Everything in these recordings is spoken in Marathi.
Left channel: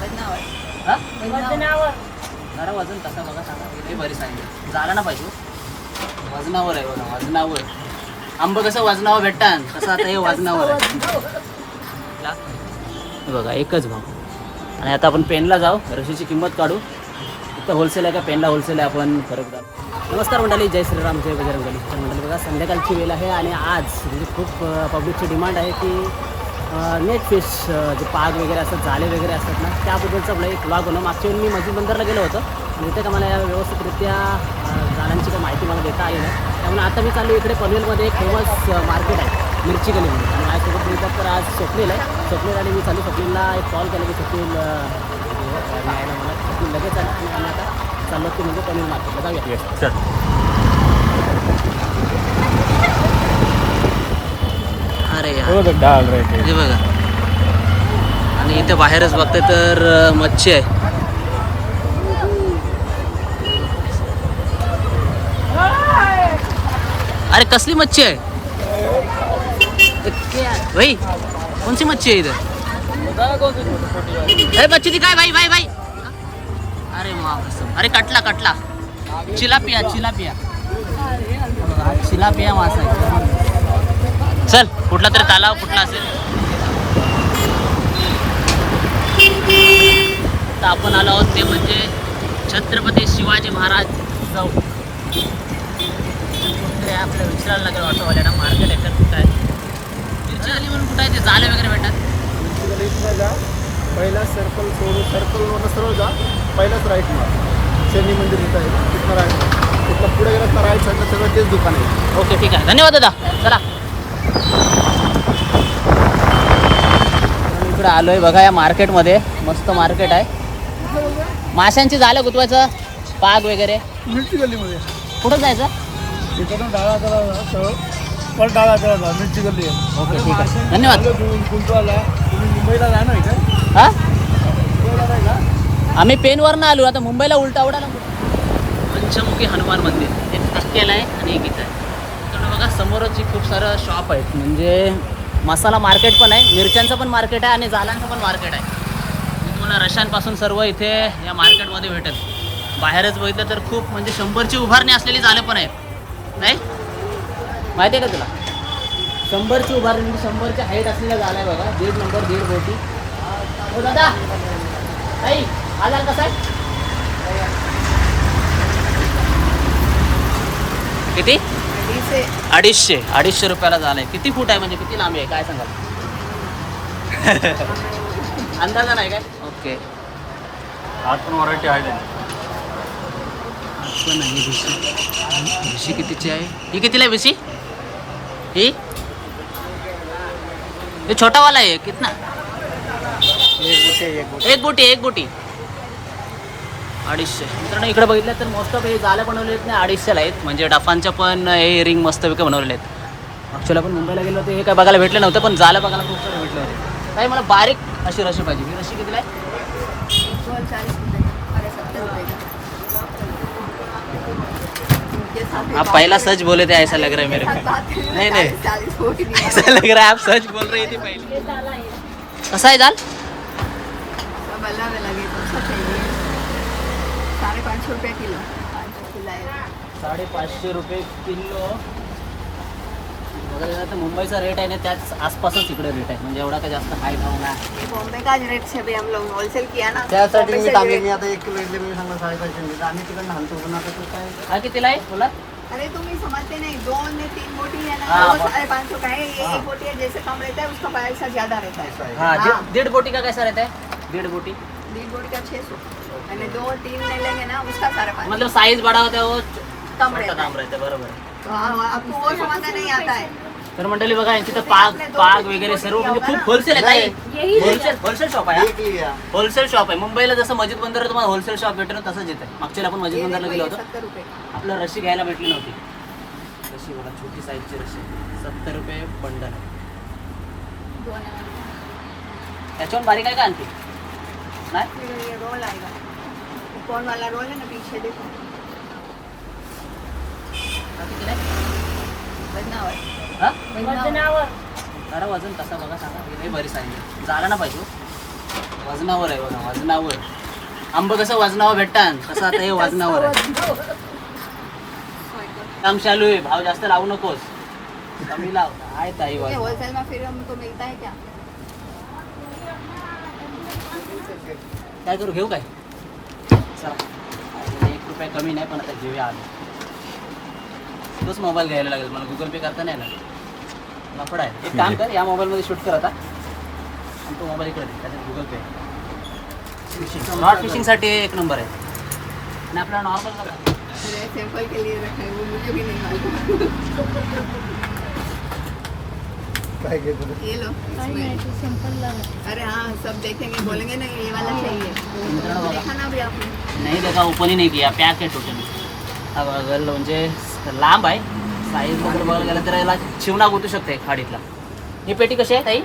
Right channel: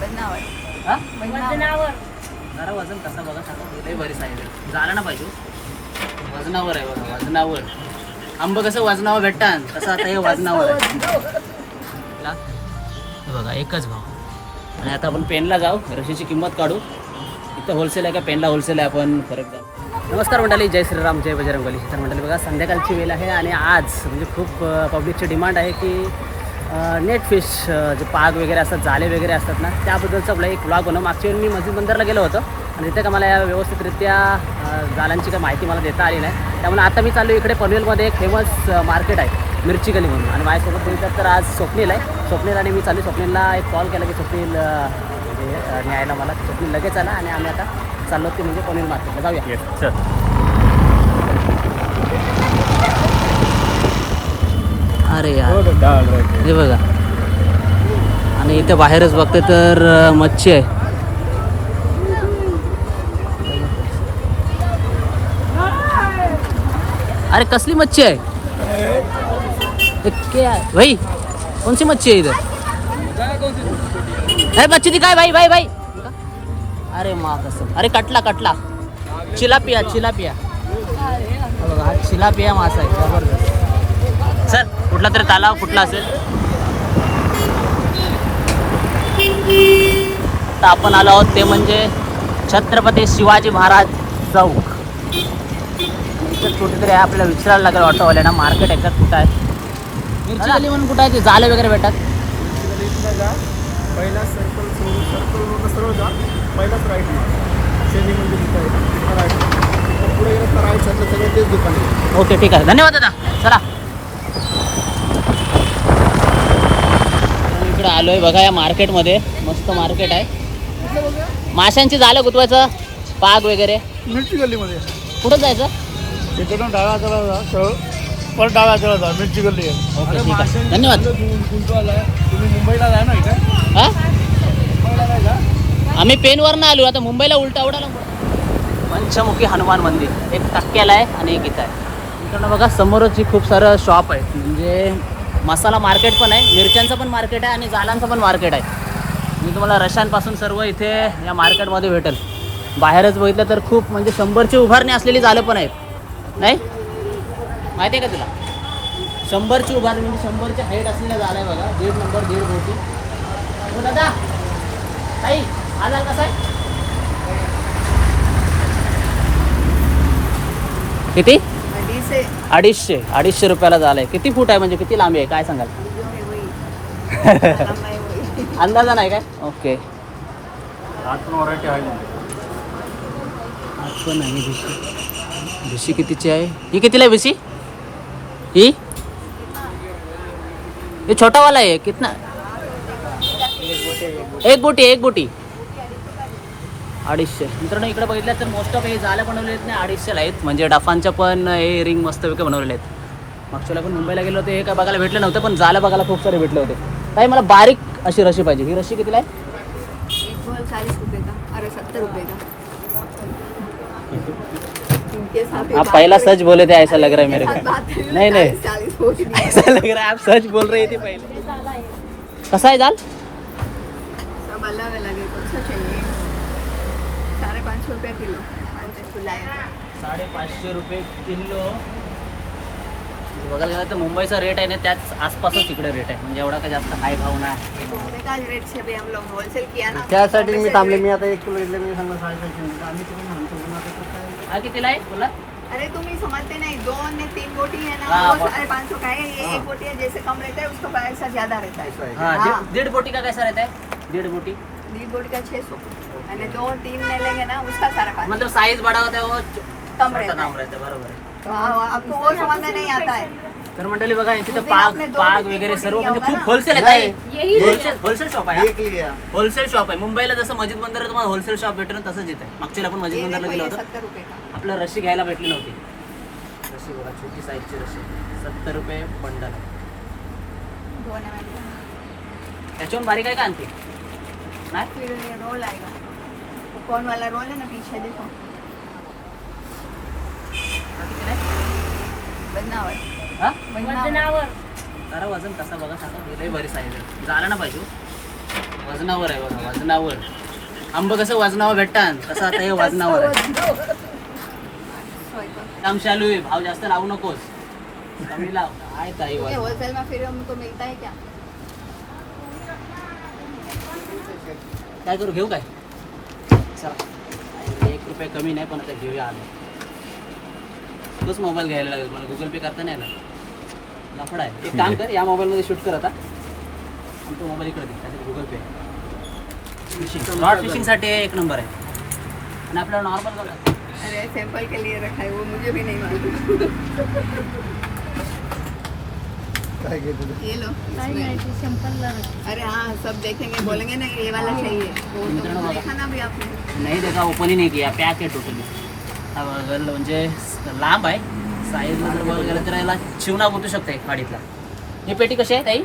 वजनावर. हा? वजनावर. जरा वजन कसा बघा सांगा लई बरी सांगितलं झालं ना पाहिजे हो. वजनावर आहे बघा वजनावर. आंब कसं वजनावर भेटतात? तसं आता हे वजनावर आहे. बघा एकच भाव. आणि आता आपण पेनला जाऊ. रशीची किंमत काढू. इथं होलसेल आहे का? पेनला होलसेल आहे आपण. फरक जाऊ. नमस्कार मंडळी जय श्रीराम जय बजरंगबली. तर मंडळी बघा संध्याकाळची वेळ आहे आणि आज म्हणजे खूप पब्लिकची डिमांड आहे की नेट फिश जे पाग वगैरे असतात जाले वगैरे असतात ना त्याबद्दलचा आपला एक ब्लॉग बनव मागच्या वेळी मी मस्जिद बंदरला गेलो होतो. आणि तिथे का मला या व्यवस्थितरित्या अ, जालांची काही माहिती मला देता आली नाही. त्यामुळे आता मी चाललो इकडे पनवेलमध्ये एक फेमस मार्केट आहे मिरची गली म्हणून. आणि माझ्यासोबत बोलतात तर आज स्वप्नील आहे. स्वप्नील आणि मी चालू स्वप्नीलला एक कॉल केला की स्वप्नील न्यायला मला. स्वप्नील लगेच आला आणि आम्ही आता चाललो ते म्हणजे पनवेल मार्केटला जाऊया. चल अरे यार. हे बघा. आणि इथे बाहेरच बघते तर मच्छी आहे. अरे कसली मच्छी आहे? भाई सी मच्छी है इधर मच्छी दिखाए भाई भाई भाई? अरे माँ कसम अरे कटला कटला. चिलापिया चिलापिया. हा हा चिलापिया मासा आहे. कुठला तरी तलाव कुठला असेल? तर आपण आलो आहोत ते म्हणजे छत्रपती शिवाजी महाराज चौक. इथं कुठेतरी आहे, आपल्याला विचारायला लागेल ऑटोवाल्यांना मार्केट याच्यात कुठं आहे? मिरची गली म्हणून कुठं आहे ते? जाले वगैरे भेटतात. जा. पहिला सर्कल सोडून सर्कल मधनं सरळ जा. पहिलाच राईट मार शनी मंदिर इथं आहे. तिथं राईट मार तिथं पुढे गेलं तर राईट साईडला सगळं तेच दुकान आहे. ओके ठीक आहे. धन्यवाद दादा. चला. इकडे आलोय बघा या मार्केटमध्ये. मस्त मार्केट आहे. माशांची झालं गुतवायचं? पाग वगैरे. मिरची गल्लीमध्ये. कुठं जायचं? इकडून डाव्या चला जा सरळ. परत डाव्या चला जा मिरची गल्ली आहे. ओके ठीक आहे. धन्यवाद. तुम्ही तुम्ही मुंबईला जा ना इकडे हा? मुंबईला नाही का? आम्ही पेनवरनं आलो आता मुंबईला उलटा उडाला. पंचमुखी हनुमान मंदिर. एक टक्क्याला आहे आणि एक इथं इकडनं बघा समोरच ही खूप सारं शॉप आहे. म्हणजे मसाला मार्केट पण आहे मिरच्यांचं पण मार्केट आहे आणि जालांचं पण मार्केट आहे. मी तुम्हाला रशांपासून सर्व इथे या मार्केटमध्ये भेटेल. बाहेरच बघितलं तर खूप म्हणजे शंभरची उभारणी असलेली झालं पण आहेत. नाही? माहिती आहे का तुला? शंभरची उभारणी म्हणजे शंभरची हाईट असलेल्या झालं आहे बघा. दीड नंबर दीड बोटी. हो दादा! ताई हा जाल कसा आहे? किती? अडीचशे. अडीचशे अडीचशे रुपयाला झालाय. किती फूट आहे म्हणजे? किती लांबी आहे? काय सांगा अंदाज़ा नाही काय? ओके. आज पण व्हरायटी आहे आज पण आहे भिशी भिशी कितीची आहे? ही कितीला आहे भिशी ही? हे कितना? एक बोटी एक बोटी. अडीचशे. मित्रांनो इकडे बघितलं तर मोस्ट ऑफ हे जाल्या बनवले आहेत ना अडीचशेला आहेत. म्हणजे डफांच्या पण हे रिंग मस्तपैकी बनवलेले आहेत. मागच्याला पण मुंबईला गेलो होते हे काय बघायला भेटलं नव्हतं पण जाल्या बघायला खूप सारे भेटले होते. काही मला बारीक अशी रशी पाहिजे. ही रशी कितीला आहे? रुपये अरे सत्तर रुपये आप पहला सच बोले थे ऐसा लग रहा है मेरे को. नहीं हो नहीं? ऐसा लग रहा है आप सच बोल रहे थे पहले. कसा आहे दाल गला में लगे कौन सा चाहिए साढ़े पाँच सौ रुपया किलो पाँच किलो आएगा साडेपाचशे रुपये किलो. बघायला गेलं तर मुंबईचा रेट आहे ना त्याच आसपासच इकडे रेट आहे. म्हणजे एवढा काही जास्त हाय भाव नाही. बॉम्बे का रेट से भी हम लोग होलसेल किया ना. त्यासाठी मी थांबले. आता एक किलो इडली मी सांगणार साडेपाचशे म्हणजे. आम्ही तिकडे थांबतो पण आता कसं आहे हा कितीला आहे बोला. अरे तुम ये समझते नहीं. दो ने तीन बोटी है ना. हाँ, वो साढ़े पाँच सौ का है. ये एक बोटी है जैसे कम रहता है उसका पैसा ज्यादा रहता है. हाँ हाँ। डेढ़ बोटी का कैसा रहता है? डेढ़ बोटी? बीस बोटी का छः सौ. मैंने दो तीन ले लेंगे ना उसका मतलब साइज बड़ा होता है वो कम रहता बरोबर. तो हाँ, आपको वो समझना नहीं आता है तर मंडळी बघा यांची तर पाग पाग वगैरे सर्व म्हणजे खूप होलसेल आहे काय होलसेल होलसेल शॉप आहे एक लिया. होलसेल शॉप आहे. मुंबईला जसं मस्जिद बंदर तुम्हाला होलसेल शॉप भेटणं तसंच येत आहे मागच्या आपण मस्जिद ये बंदरला गेलो होतो. ये सत्तर रुपये. का आपल्याला रशी घ्यायला भेटली नव्हती. रशी बघा छोटी साईजची रशी सत्तर रुपये बंडल दोन है। त्याच्याहून बारीक आहे का आणखी? नाही? फिर ये रोल आएगा वो कौन वाला रोल है ना पीछे देखो हा जरा वजन कसा बघा सांगा हे लई बरी आहे झालं ना पाहिजे वजनावर आहे बघा वजनावर आंब कसं वजनावर भेटतात कसं आता हे वजनावर आहे काम चालू आहे भाव जास्त लावू नकोस कमी लाव आहे ताई ये वजन. होलसेल में फिर हमको मिलता है क्या काय करू घेऊ काय चला एक रुपया कमी नाही पण आता घेऊया आलो तोच मोबाईल घ्यायला लागेल. मला गुगल पे करता नाही ना लफडा आहे. एक काम कर या मोबाईलमध्ये शूट कर आता. आणि तो मोबाईल इकडे दे गुगल पे नॉट फिशिंगसाठी एक नंबर आहे. आणि आपल्याला नॉर्मल अरे सैंपल के लिए रखा है वो मुझे भी नहीं मालूम. काय घे तुझं ये लो. इसमें। अरे हाँ सब देखेंगे बोलेंगे ना ये वाला चाहिए. तो तो. देखा ना अभी आपने. नाही देखा ओपन ही नाही किया. पॅक आहे टोटली हा बघा म्हणजे लांब आहे. साईजला जर बघायला गेलं तर याला चिवणा गुतू शकते खाडीतला. ही पेटी कशी आहे ताई?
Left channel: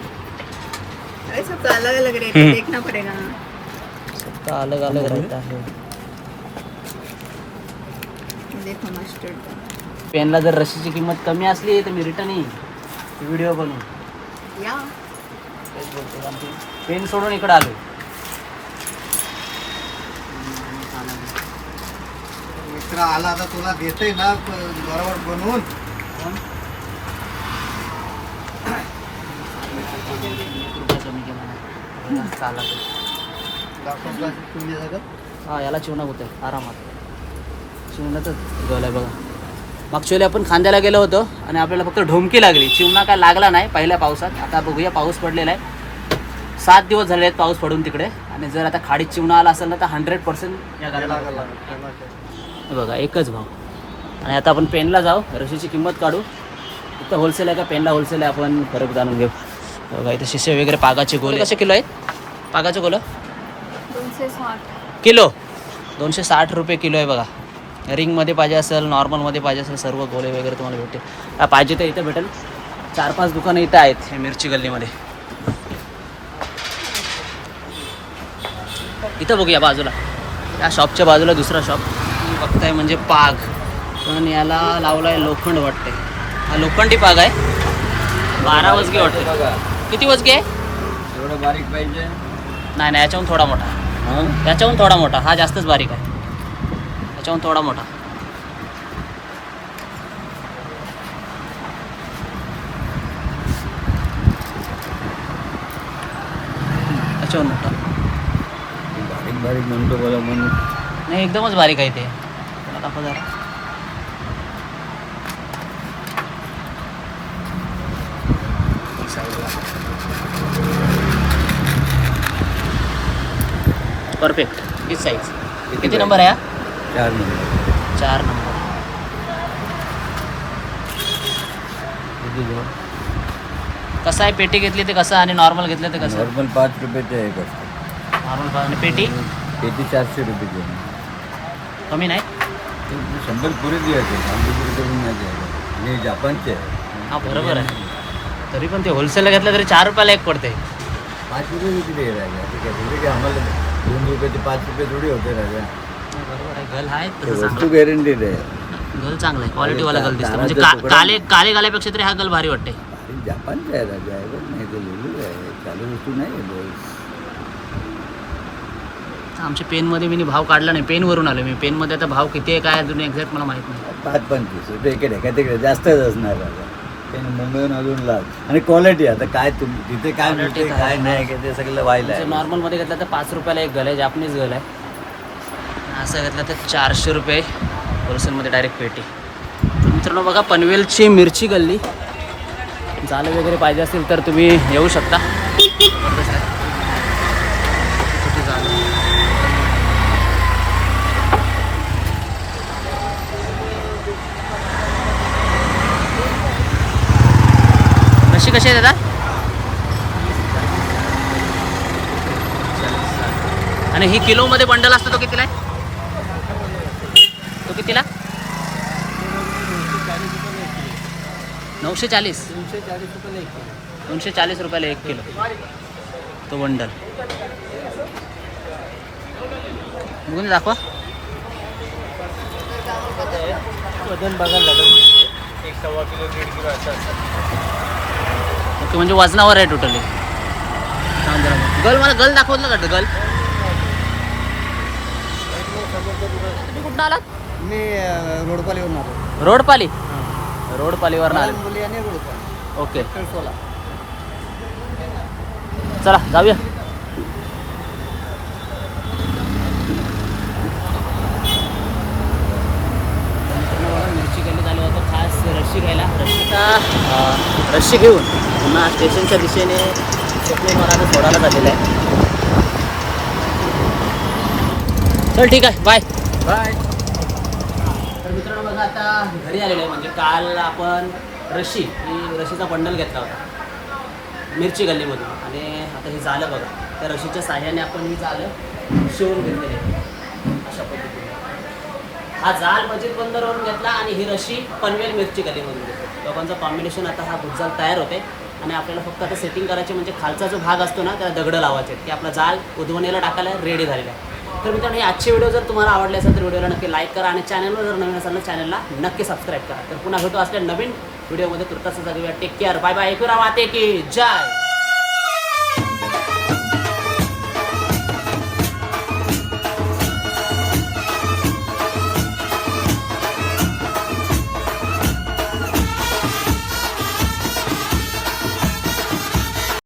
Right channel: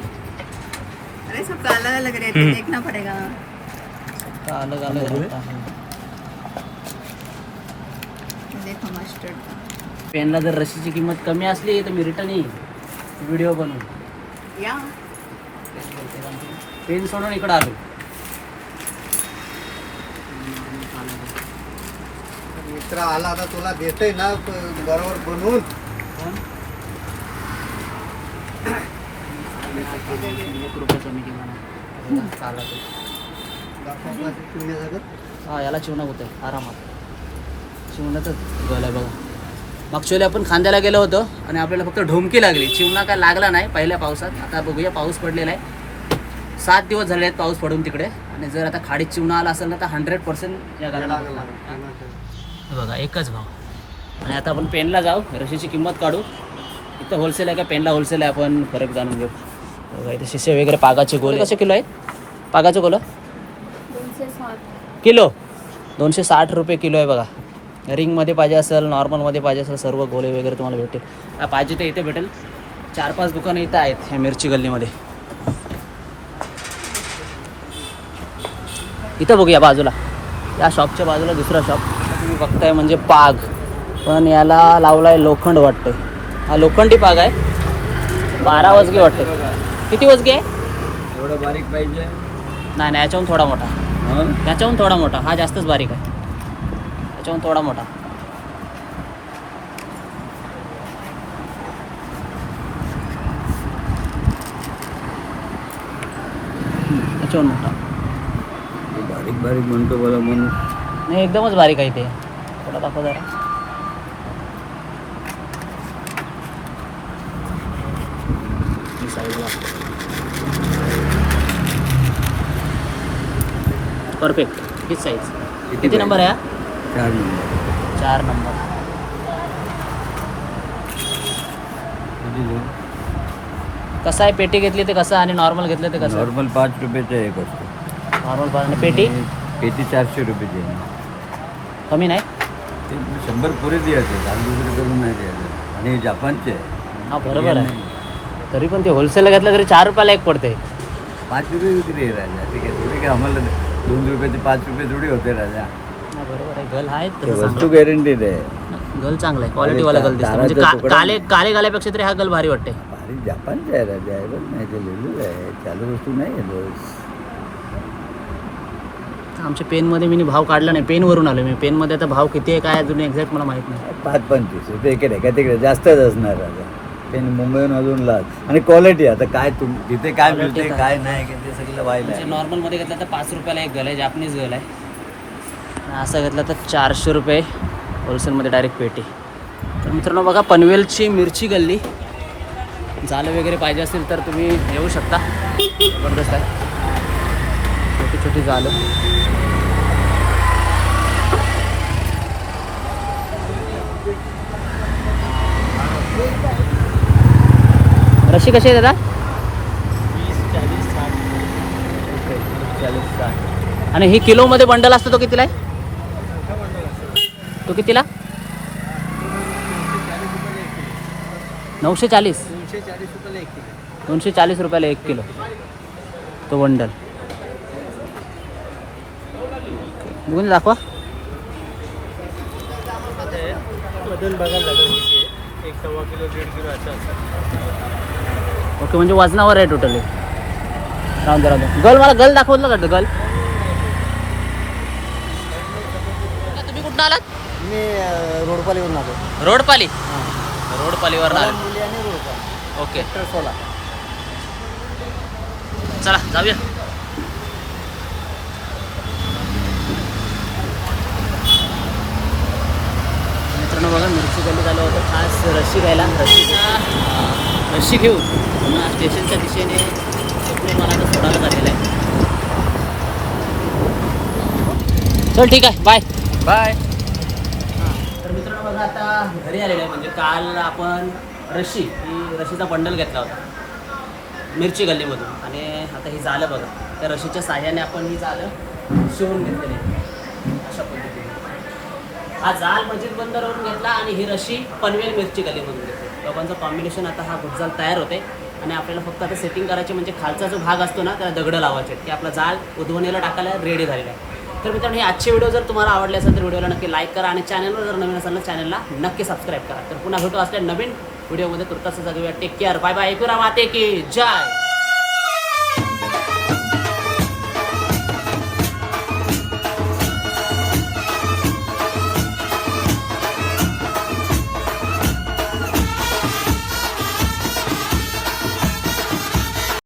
अरे अलग अलग रेट है देखना पड़ेगा अलग अलग रहता है देखो मस्टर्ड का पेनला जर रशीची किंमत कमी असली तर मी रिटर्न येईल. व्हिडिओ बनवून. या. पेन सोडून इकडे आलो मित्र आला ना तुला देते ना बरोबर बनवून. हा याला चिवणा होतं आरामात. चिवणातच गल आहे बघा. मागच्या आपण खांद्याला गेलो होतो आणि आपल्याला फक्त ढोमकी लागली. चिवणा काय लागला नाही पहिल्या पावसात. आता बघूया पाऊस पडलेला आहे. सात दिवस झाले आहेत पाऊस पडून तिकडे. आणि जर आता खाडीत चिवणा आला असेल ना तर हंड्रेड पर्सेंट या गाड्याला बघा एकच भाव. आणि आता आपण पेनला जाऊ. रशीची किंमत काढू. इथं होलसेल आहे का? पेनला होलसेल आहे. आपण फरक जाणून घेऊ. बघा इथे शिसे वगैरे पागाचे गोले. कसे किलो आहेत? पागाचे गोलं? दोनशे साठ. किलो? दोनशे साठ रुपये किलो आहे बघा. रिंगमध्ये पाहिजे असेल नॉर्मलमध्ये पाहिजे असेल सर्व गोले वगैरे तुम्हाला भेटेल हा, पाहिजे तर इथे भेटेल. चार पाच दुकानं इथं आहेत ह्या मिरची गल्लीमध्ये. इथं बघूया बाजूला. या शॉपच्या बाजूला दुसरा शॉप बघताय म्हणजे पाग. पण याला लावला आहे लोखंड वाटते हा लोखंडी पाग आहे. बारा वजगे वाटते किती वजगे? आहे बारीक पाहिजे. नाही नाही याच्याहून थोडा मोठा. याच्याहून थोडा मोठा. हा जास्तच बारीक आहे. याच्याहून थोडा मोठा. याच्याहून मोठा. बारीक बारीक म्हणतो बघा म्हणून. नाही एकदमच बारीक आहे ते. थोडा दाखवा जरा. परफेक्ट हीच साईज किती नंबर आहे हा? चार नंबर चार नंबर कसं आहे पेटी घेतली ते कसं आणि नॉर्मल घेतलं ते कसं? नॉर्मल पाच रुपयाचं एक असतं. नॉर्मल आणि पेटी? पेटी चारशे रुपयाची. कमी नाही? शंभर पुरे द्यायचे दहा रुपये करून नाही द्यायचं आणि जापानचे. हा बरोबर आहे. तरी पण ते होलसेलला घेतलं तरी चार रुपयाला एक पडते. पाच रुपये विक्री आहे राजा? ठीक आहे थोडी की आम्हाला दोन रुपयाचे पाच रुपये थोडी होते राजा. हा, बरोबर आहे. गल आहे ते तसं वस्तू चांगलं. गॅरंटीड आहे. गल चांगला आहे. क्वालिटीवाला गल दिसते म्हणजे का- काले काले गाल्यापेक्षा तरी हा गल भारी वाटते जापानचे आहे राजा. नाही ते लिहिलेलं आहे. चालू वस्तू नाही आहे बघ. आमच्या पेनमध्ये मी भाव काढला नाही पेनवरून आलो मी. पेनमध्ये आता भाव किती आहे काय अजून एक्झॅक्ट मला माहीत नाही. पाच पंचवीस रुपये इकडे काय तिकडे जास्तच असणार ते मुंबईहून अजून लाग आणि क्वालिटी आता काय तुम तिथे काय Quality मिळते तर आहे. काय नाही ते सगळं व्हायला म्हणजे आहे. नॉर्मलमध्ये घेतलं तर पाच रुपयाला एक गल आहे जापनीज गल. आहे असं घेतलं तर चारशे रुपये होलसेलमध्ये डायरेक्ट पेटी. तर मित्रांनो बघा पनवेलची मिरची गल्ली. जालं वगैरे पाहिजे असेल तर तुम्ही येऊ शकता. जबरदस्त आहे. छोटी छोटी जालं रशी कशी आहे दादा? ओके चाळीस साठ आणि ही किलोमध्ये बंडल असतो तो कितीला आहे? तो कितीला? नऊशे चाळीस दोनशे चाळीस रुपयाला एक किलो. तो बंडल. बघून दाखवा. ओके म्हणजे वजनावर आहे टोटली. गल मला गल दाखवलं का गल? तुम्ही कुठं आलात? मी रोडपालीवरून आलो. रोडपाली? रोडपालीवर आले. मुली आणि रोडपाली. ओके. सोला चला जाऊया तर मित्रांनो बघा मिरची खास रशी घ्यायला. रशीचा रशी घेऊन पुन्हा स्टेशनच्या दिशेने स्वप्नील मला सोडायला झालेलं आहे. चल ठीक आहे. बाय बाय तर मित्रांनो बघा आता घरी आलेलो आहे. म्हणजे काल आपण रशी ही रशीचा बंडल घेतला होता. मिरची गल्लीमधून. आणि आता ही झालं बघा. त्या रशीच्या साह्याने आपण ही झालं शिवून घेतलेली. अशा पद्धतीने. हा जाल मस्जिद बंदरवरून घेतला आणि ही रशी पनवेल मिरची गलीमधून घेतली. दोघांचं कॉम्बिनेशन आता हा गुजजाल तयार होते. आणि आपल्याला फक्त आता सेटिंग करायचे म्हणजे खालचा जो भाग असतो ना त्याला दगडं लावायचे की आपला जाल उधवणीला टाकायला रेडी झालेला आहे. तर मित्रांनो हे आजचे व्हिडिओ जर तुम्हाला आवडले असेल तर व्हिडिओला नक्की लाईक करा आणि चॅनलवर जर नवीन असेल ना चॅनलला नक्की सबस्क्राईब करा. तर पुन्हा भेटू असल्या नवीन व्हिडिओमध्ये तुर्तास जागूया टेक केअर बाय बाय एकूरा माते की जय.